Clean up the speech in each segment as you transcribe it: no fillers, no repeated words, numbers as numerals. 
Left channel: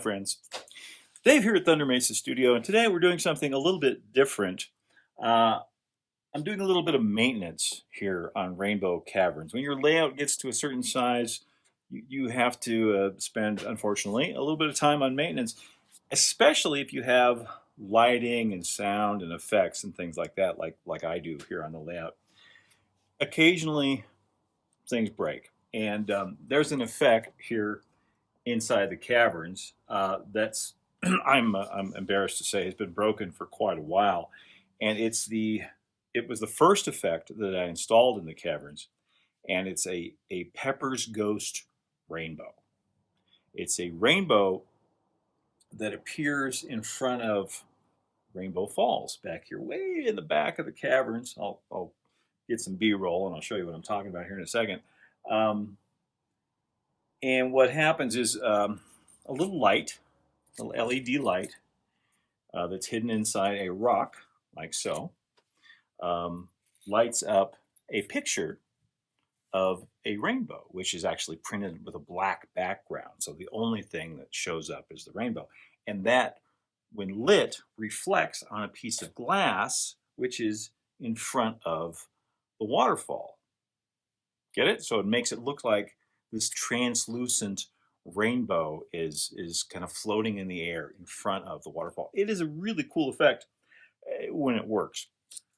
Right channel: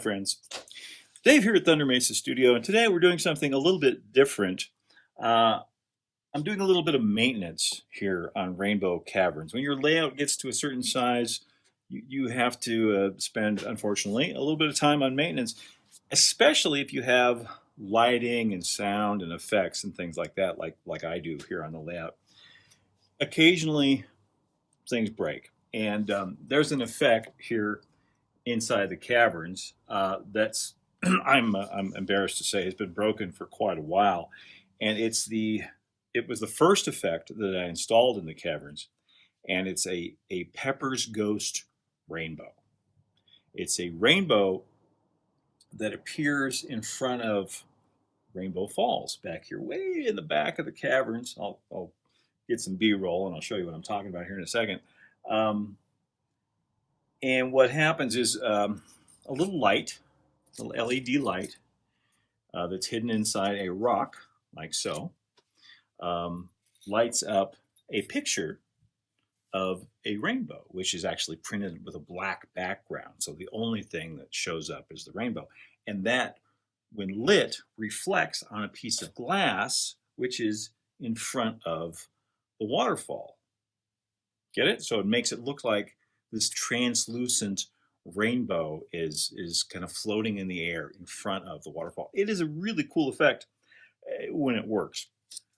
friends. Dave here at Thunder Mesa Studio, and today we're doing something a little bit different. I'm doing a little bit of maintenance here on Rainbow Caverns. When your layout gets to a certain size, you have to spend, unfortunately, a little bit of time on maintenance, especially if you have lighting and sound and effects and things like that, like I do here on the layout. Occasionally, things break, and there's an effect here inside the caverns that's I'm embarrassed to say has been broken for quite a while, and it was the first effect that I installed in the caverns, and it's a Pepper's Ghost rainbow. It's a rainbow that appears in front of Rainbow Falls back here, way in the back of the caverns. I'll get some B-roll and I'll show you what I'm talking about here in a second. And what happens is a little light, a little LED light that's hidden inside a rock, like so, lights up a picture of a rainbow, which is actually printed with a black background. So the only thing that shows up is the rainbow. And that, when lit, reflects on a piece of glass, which is in front of the waterfall. Get it? So it makes it look like this translucent rainbow is kind of floating in the air in front of the waterfall. It is a really cool effect when it works.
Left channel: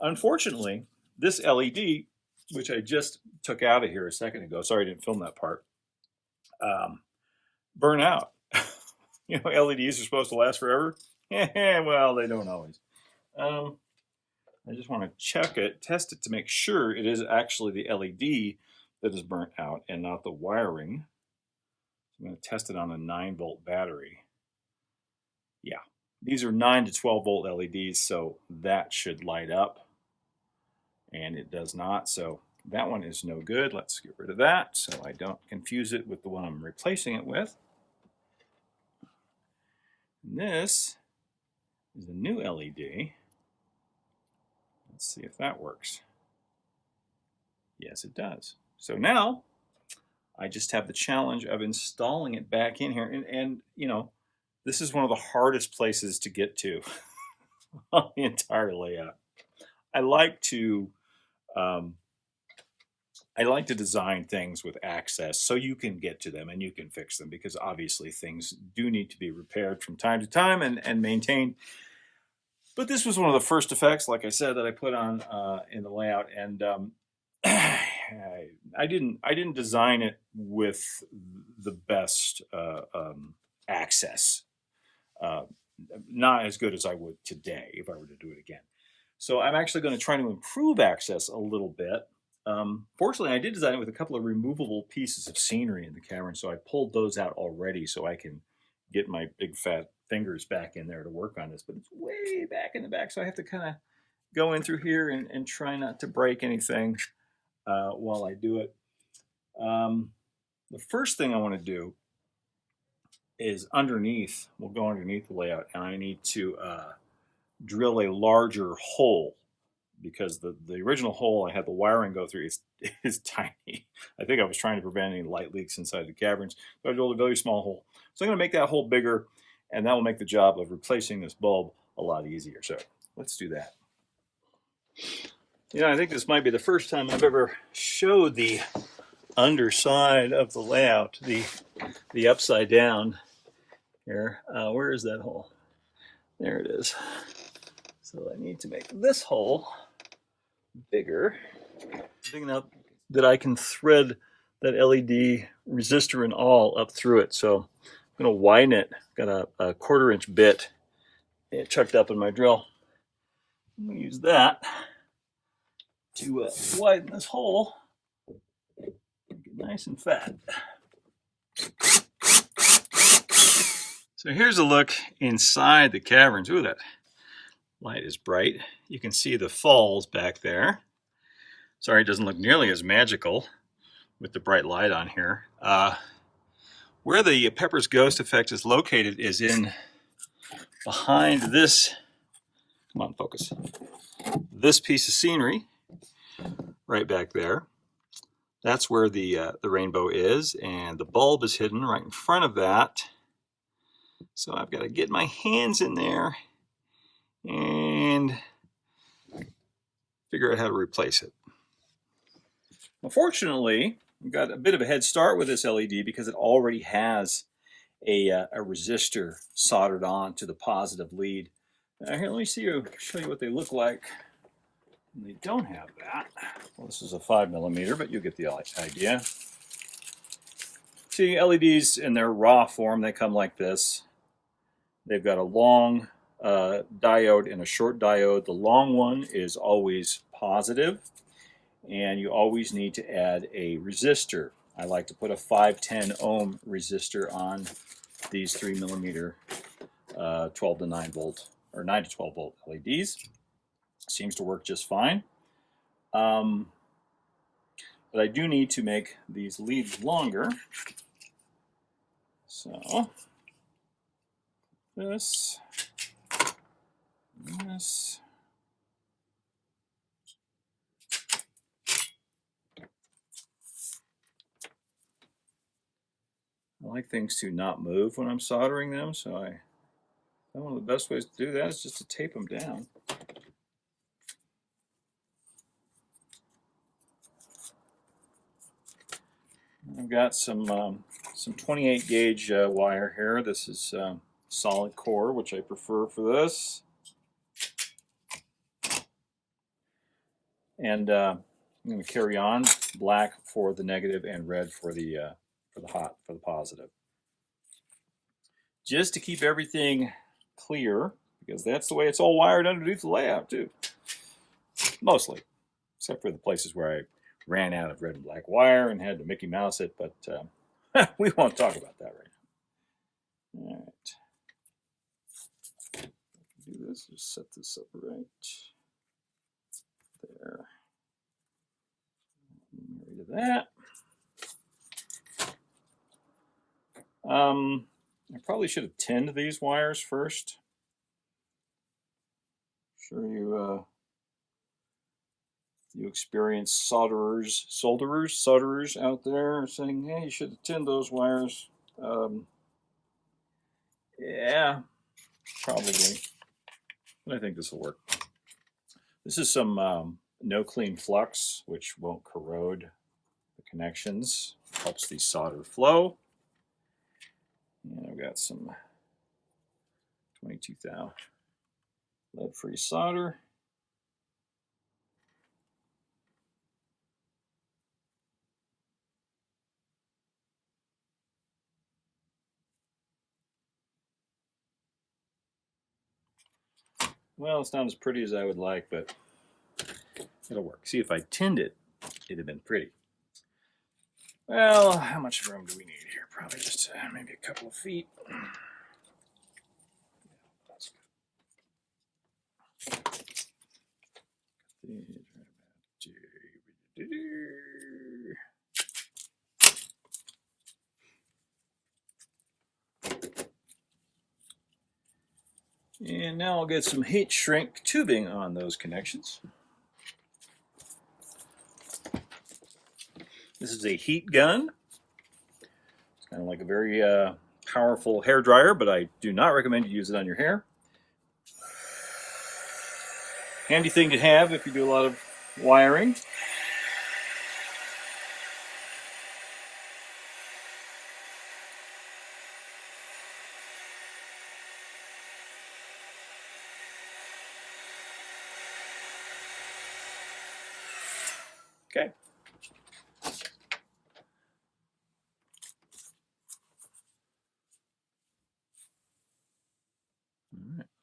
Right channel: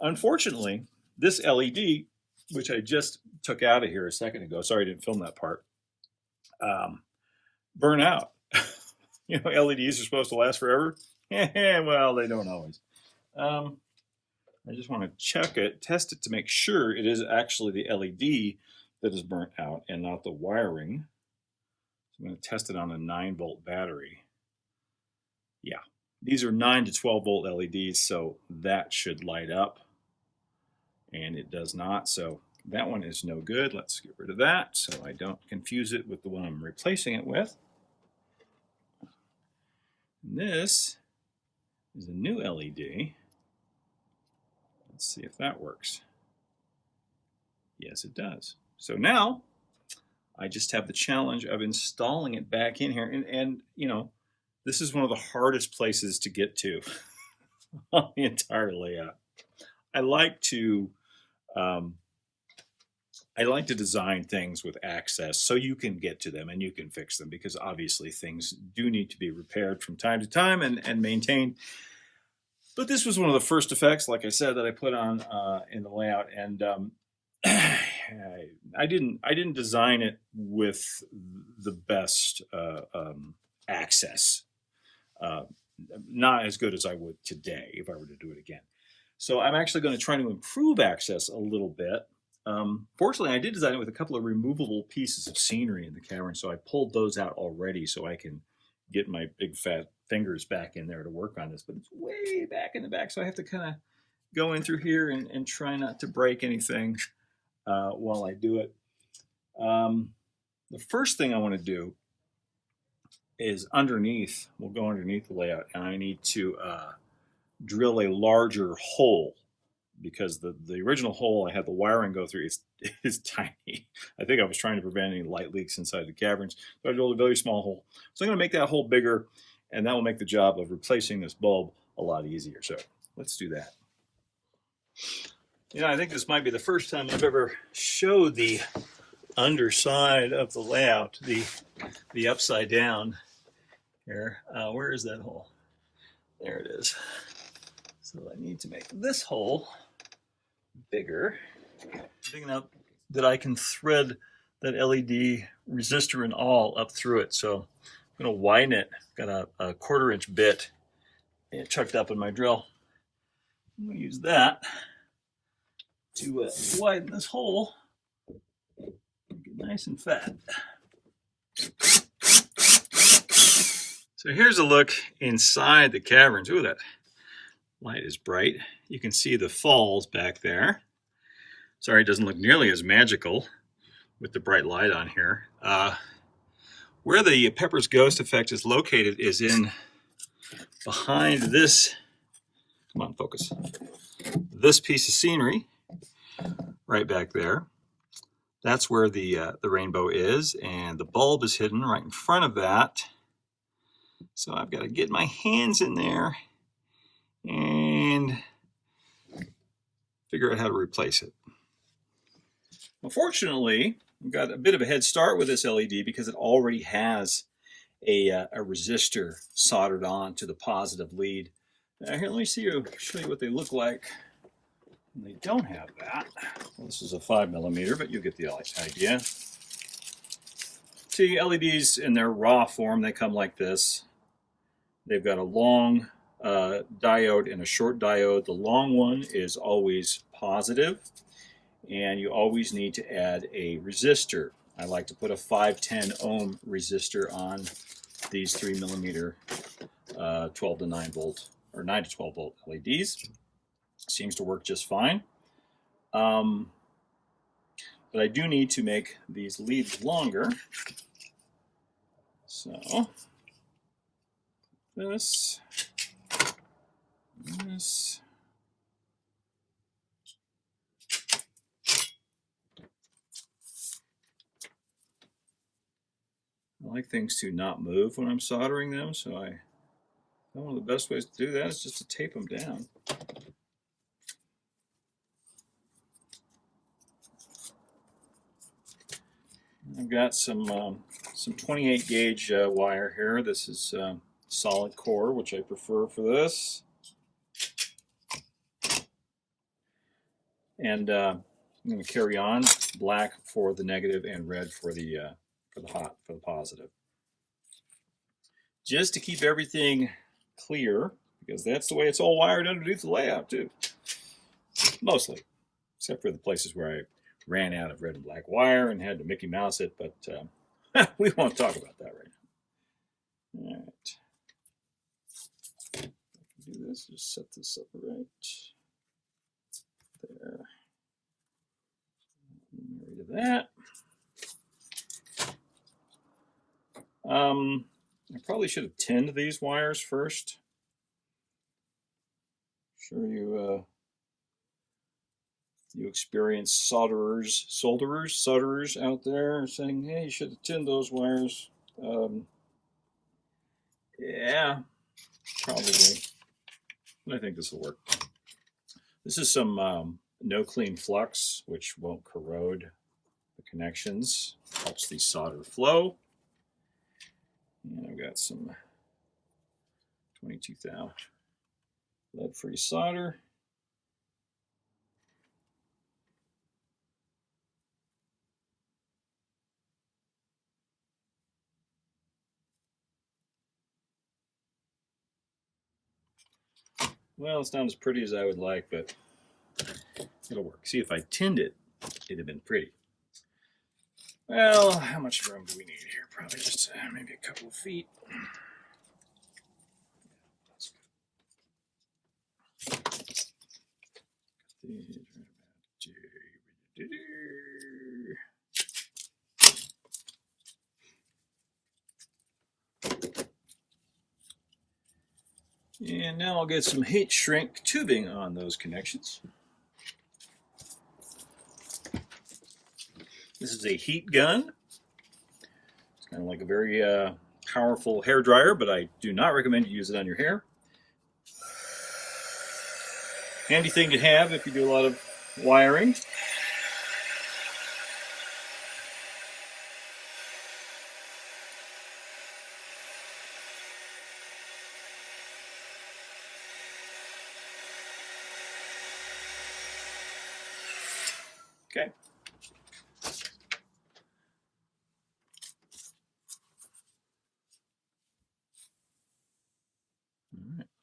Unfortunately, this LED, which I just took out of here a second ago, sorry I didn't film that part, burn out. You know, LEDs are supposed to last forever. Well, they don't always. I just want to check it, test it to make sure it is actually the LED that is burnt out and not the wiring. I'm going to test it on a 9-volt battery. Yeah, these are 9 to 12 volt LEDs, so that should light up, and it does not. So that one is no good. Let's get rid of that so I don't confuse it with the one I'm replacing it with. And this is a new LED. Let's see if that works. Yes, it does. So now I just have the challenge of installing it back in here. And you know, this is one of the hardest places to get to on the entire layout. I like to design things with access so you can get to them and you can fix them, because obviously things do need to be repaired from time to time and maintained. But this was one of the first effects, like I said, that I put on in the layout, and I didn't design it with the best access. Not as good as I would today if I were to do it again. So I'm actually going to try to improve access a little bit. Fortunately, I did design it with a couple of removable pieces of scenery in the cavern, so I pulled those out already so I can get my big fat fingers back in there to work on this. But it's way back in the back, so I have to kind of go in through here and try not to break anything while I do it. The first thing I want to do is underneath, we'll go underneath the layout, and I need to drill a larger hole, because the original hole I had the wiring go through is tiny. I think I was trying to prevent any light leaks inside the caverns, so I drilled a very small hole. So I'm going to make that hole bigger, and that will make the job of replacing this bulb a lot easier. So let's do that. You know, I think this might be the first time I've ever showed the underside of the layout, the upside down here. Where is that hole? There it is. So I need to make this hole bigger, big enough that I can thread that LED resistor and all up through it. So I'm going to widen it. Got a 1/4-inch bit chucked up in my drill. I'm going to use that to widen this hole, make it nice and fat. So here's a look inside the caverns. Ooh, that light is bright. You can see the falls back there. Sorry, it doesn't look nearly as magical with the bright light on here. Where the Pepper's Ghost effect is located is in behind this, come on, focus, this piece of scenery right back there. That's where the rainbow is, and the bulb is hidden right in front of that. So I've got to get my hands in there and figure out how to replace it. Unfortunately, I've got a bit of a head start with this LED because it already has a resistor soldered on to the positive lead. Here, let me show you what they look like. They don't have that. Well, this is a 5mm, but you get the idea. See, LEDs in their raw form, they come like this. They've got a long diode and a short diode. The long one is always positive, and you always need to add a resistor. I like to put a 510 ohm resistor on these 3mm 12 to 9 volt or 9 to 12 volt LEDs. Seems to work just fine. But I do need to make these leads longer. So this. I like things to not move when I'm soldering them, so one of the best ways to do that is just to tape them down. I've got some 28 gauge wire here. This is solid core, which I prefer for this. And I'm going to carry on black for the negative and red for the positive. Just to keep everything clear, because that's the way it's all wired underneath the layout too. Mostly, except for the places where I ran out of red and black wire and had to Mickey Mouse it, but we won't talk about that right now. All right. Do this, just set this up right there. Get rid of that. I probably should have tinned these wires first. I'm sure you experience solderers out there saying, hey, you should have tinned those wires. Yeah, probably. I think this will work. This is some no clean flux, which won't corrode the connections. Helps the solder flow. And I've got some 22 thou lead-free solder. Well, it's not as pretty as I would like, but it'll work. See, if I tinned it, it'd have been pretty. Well, how much room do we need here? Probably just maybe a couple of feet. And now I'll get some heat shrink tubing on those connections. This is a heat gun. It's kind of like a very powerful hair dryer, but I do not recommend you use it on your hair. Handy thing to have if you do a lot of wiring. Okay.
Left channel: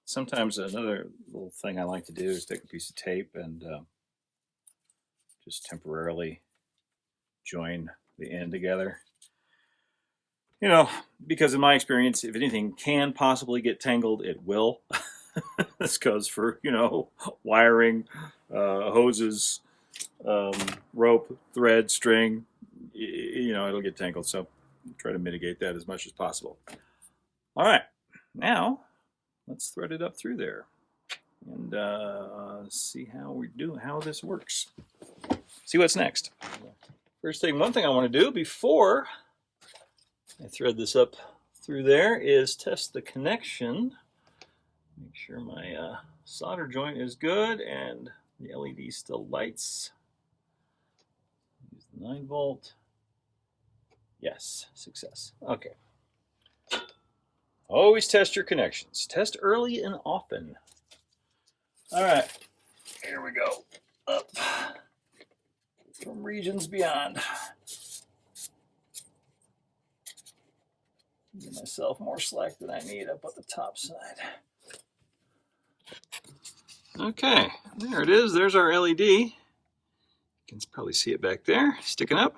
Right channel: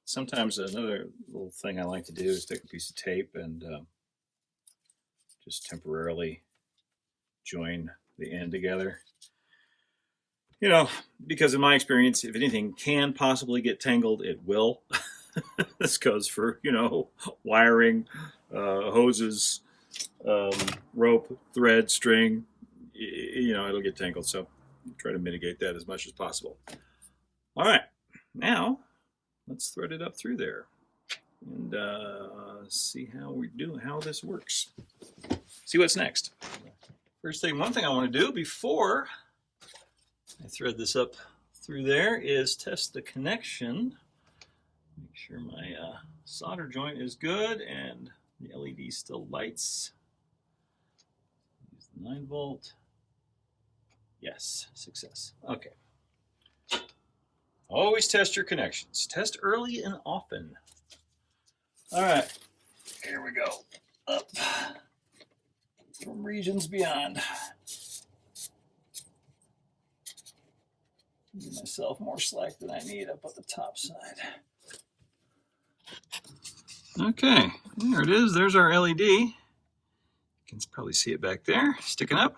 Sometimes another little thing I like to do is take a piece of tape and just temporarily join the end together. You know, because in my experience, if anything can possibly get tangled, it will. This goes for, you know, wiring, hoses, rope, thread, string. You know, it'll get tangled, so try to mitigate that as much as possible. All right, now let's thread it up through there and see how we do, how this works. See what's next. First thing, one thing I want to do before I thread this up through there is test the connection. Make sure my solder joint is good and the LED still lights. Use the 9-volt. Yes, success. Okay. Always test your connections. Test early and often. All right, here we go. Up from regions beyond. Give myself more slack than I need up at the top side. Okay, there it is. There's our LED. You can probably see it back there, sticking up.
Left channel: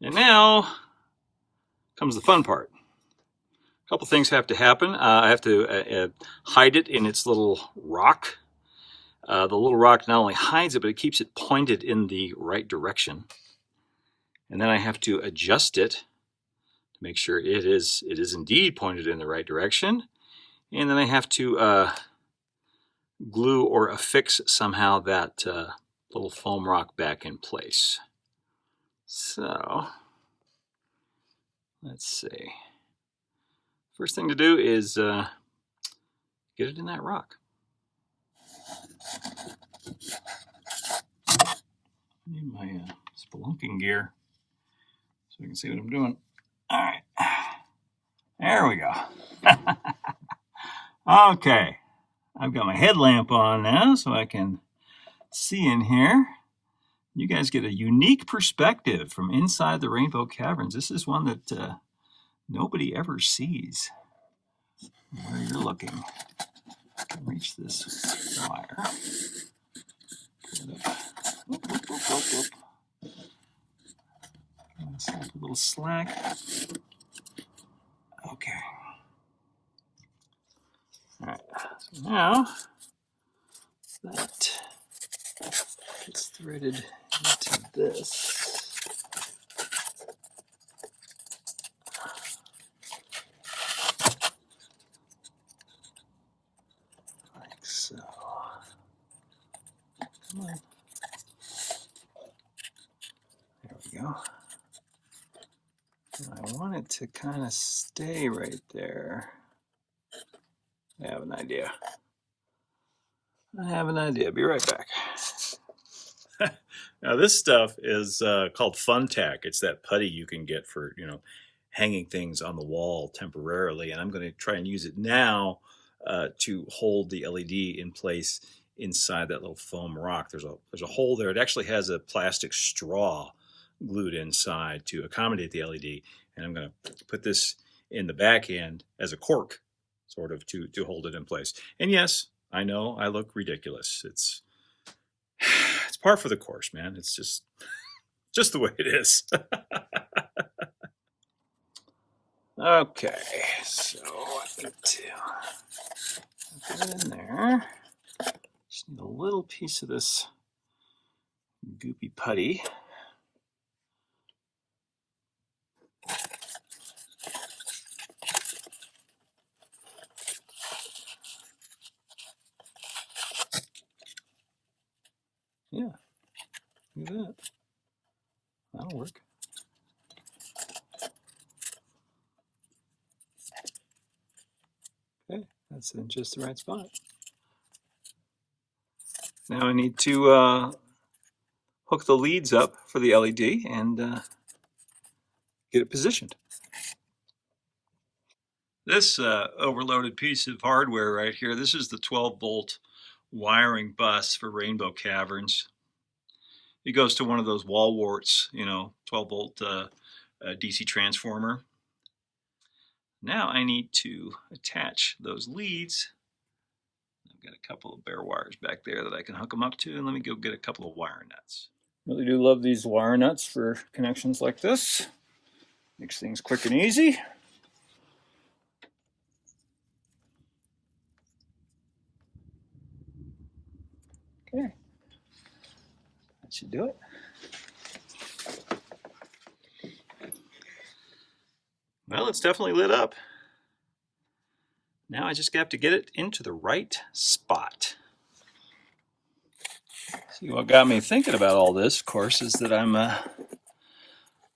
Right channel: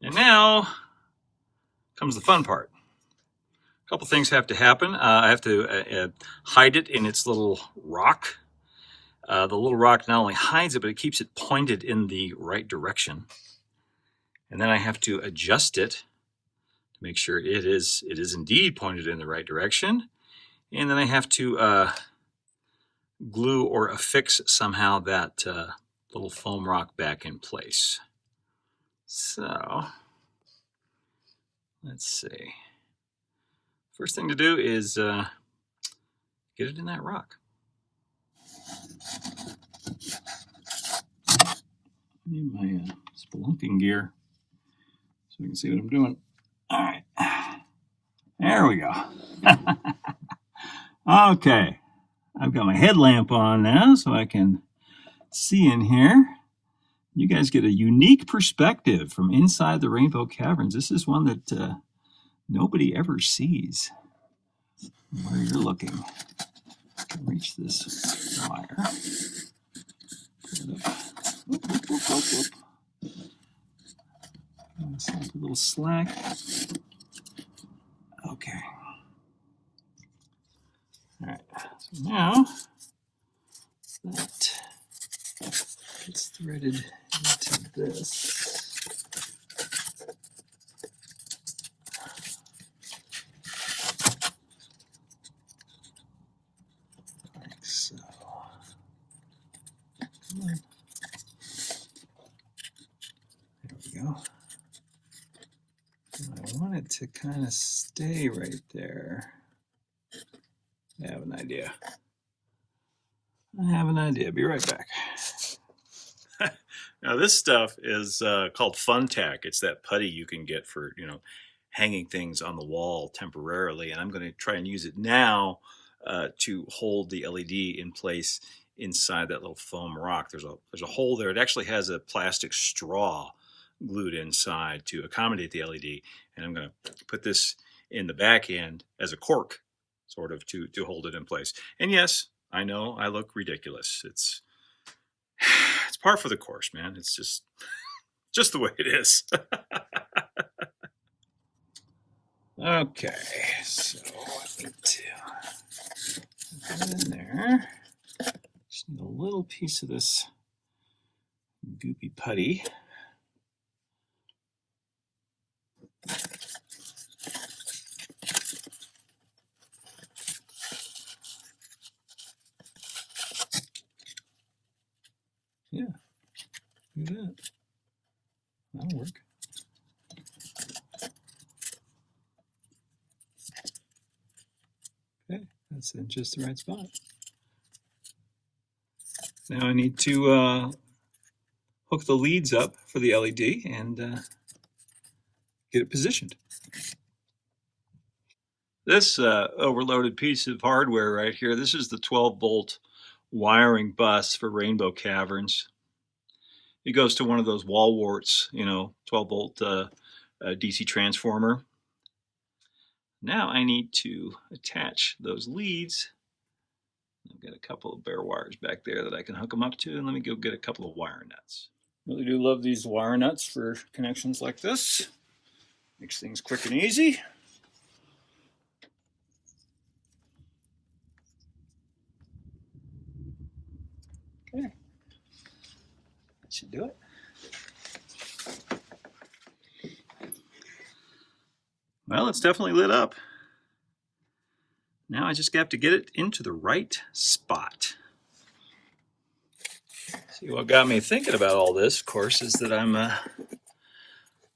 And now comes the fun part. A couple things have to happen. I have to hide it in its little rock. The little rock not only hides it, but it keeps it pointed in the right direction. And then I have to adjust it to make sure it is indeed pointed in the right direction. And then I have to glue or affix somehow that little foam rock back in place. So, let's see. First thing to do is get it in that rock. I need my spelunking gear so I can see what I'm doing. All right, there we go. Okay, I've got my headlamp on now so I can see in here. You guys get a unique perspective from inside the Rainbow Caverns. This is one that nobody ever sees where you're looking. I can reach this wire. A little slack. Okay. All right. So now that it's threaded into this. Like so. There we go. And I want it to kind of stay right there. I have an idea. Be right back. Now this stuff is called Fun Tack. It's that putty you can get for, hanging things on the wall temporarily. And I'm going to try and use it now to hold the LED in place inside that little foam rock. There's a hole there. It actually has a plastic straw glued inside to accommodate the LED. And I'm going to put this in the back end as a cork, sort of, to hold it in place. And yes, I know I look ridiculous. It's par for the course, man. It's just the way it is. Okay, so I need to put it in there. Just need a little piece of this goopy putty. Yeah, do that. That'll work. Okay, that's in just the right spot. Now I need to hook the leads up for the LED and get it positioned. This overloaded piece of hardware right here, this is the 12-volt wiring bus for Rainbow Caverns. It goes to one of those wall warts, 12-volt DC transformer. Now I need to attach those leads. I've got a couple of bare wires back there that I can hook them up to, and let me go get a couple of wire nuts. Really do love these wire nuts for connections like this. Makes things quick and easy. Okay, that should do it. Well, it's definitely lit up. Now I just have to get it into the right spot. See, what got me thinking about all this, of course, is that I'm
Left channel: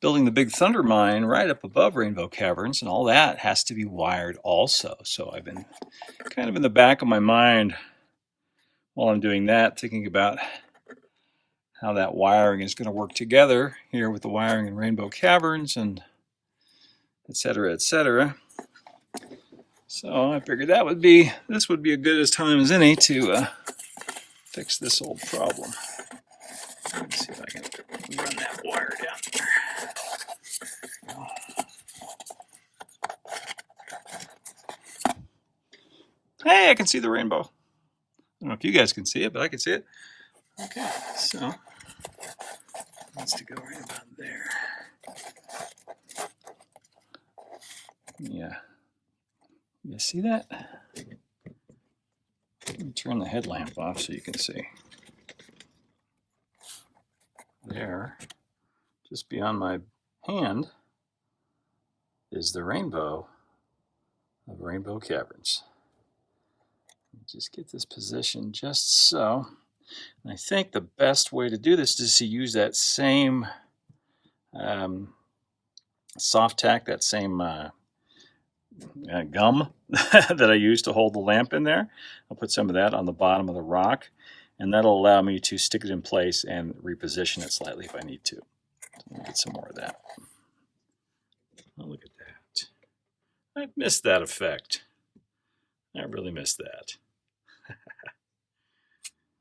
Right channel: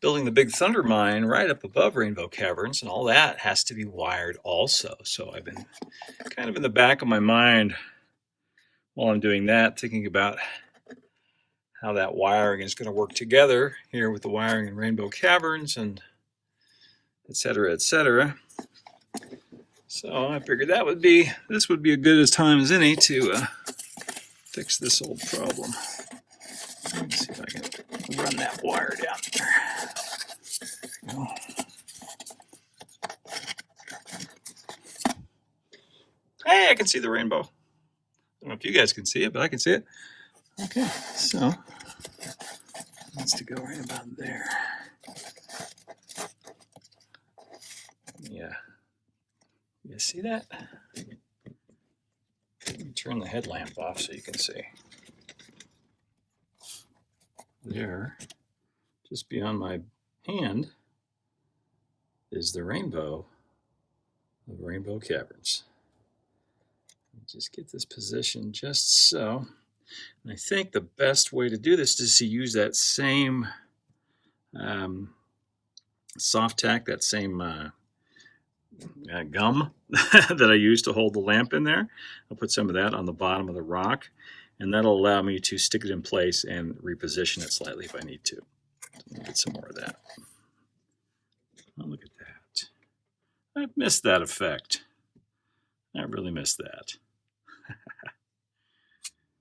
building the big Thunder mine right up above Rainbow Caverns, and all that has to be wired also. So I've been kind of in the back of my mind while I'm doing that, thinking about how that wiring is going to work together here with the wiring in Rainbow Caverns, and et cetera, et cetera. So I figured this would be as good a time as any to fix this old problem. Let me see if I can run that wire down there. Hey, I can see the rainbow. I don't know if you guys can see it, but I can see it. Okay, so it needs to go right about there. Yeah. You see that? Let me turn the headlamp off so you can see. There, just beyond my hand, is the rainbow of Rainbow Caverns. Just get this position just so. And I think the best way to do this is to use that same soft tack, that same gum that I used to hold the lamp in there. I'll put some of that on the bottom of the rock, and that'll allow me to stick it in place and reposition it slightly if I need to. Let me get some more of that. Oh, look at that. I've missed that effect. I really missed that.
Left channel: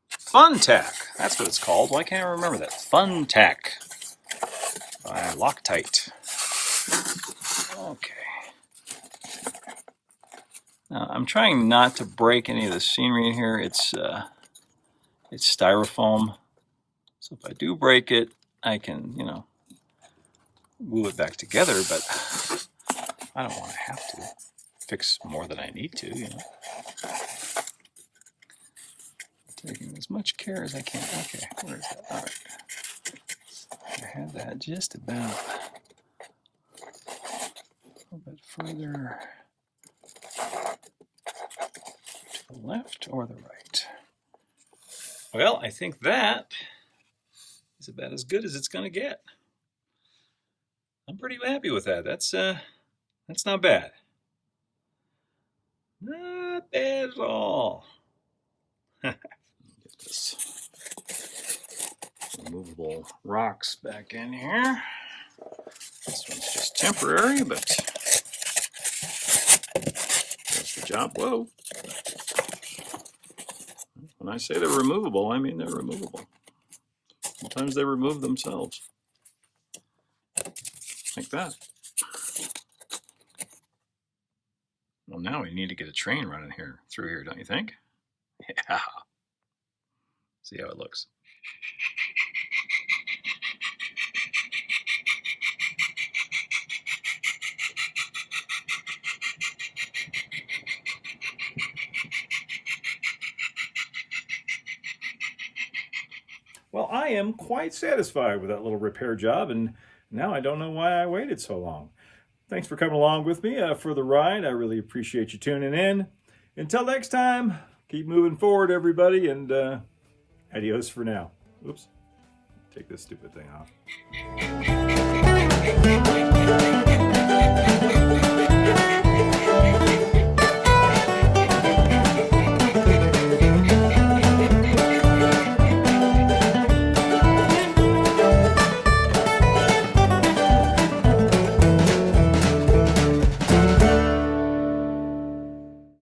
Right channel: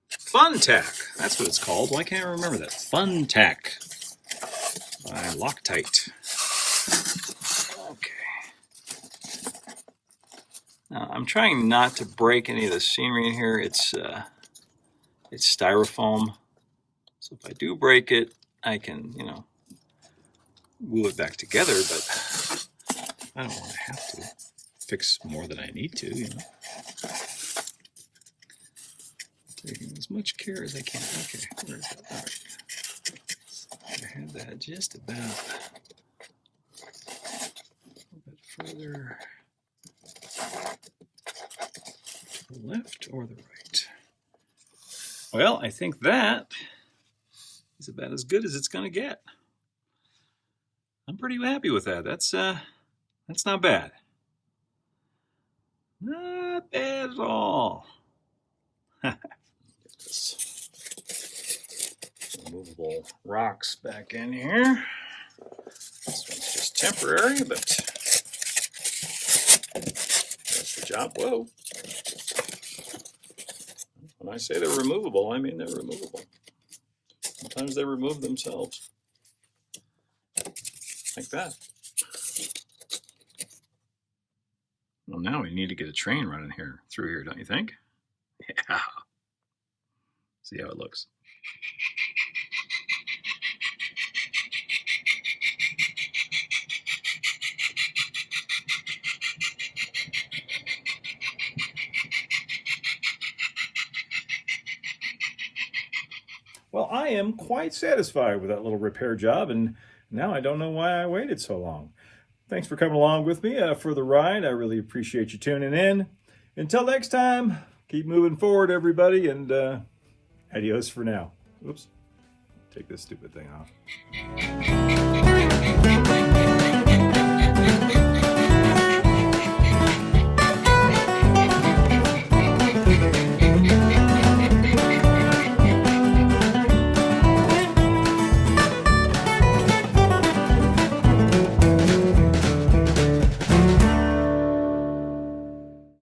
Fun Tack. That's what it's called. Why can't I remember that? Fun Tack by Loctite. Okay. Now, I'm trying not to break any of the scenery in here. It's styrofoam. So if I do break it, I can, glue it back together, but I don't want to have to fix more than I need to, Taking as much care as I can. Okay, where is that? All right. I had that just about a little bit further to the left or the right. Well, I think that is about as good as it's going to get. I'm pretty happy with that. That's not bad. Not bad at all. Removable rocks back in here. This one's just temporary, but that's the job. Whoa. When I say they're removable, I mean they're removable. Sometimes they remove themselves. Like that. Well, now we need to get a train running through here, don't you think? Yeah. See how it looks. Well, I am quite satisfied with that little repair job, and now I don't know why I waited so long. Thanks for coming along with me for the ride. I really appreciate you tuning in. Until next time, keep moving forward, everybody, and adios for now. Oops. Take this stupid thing off.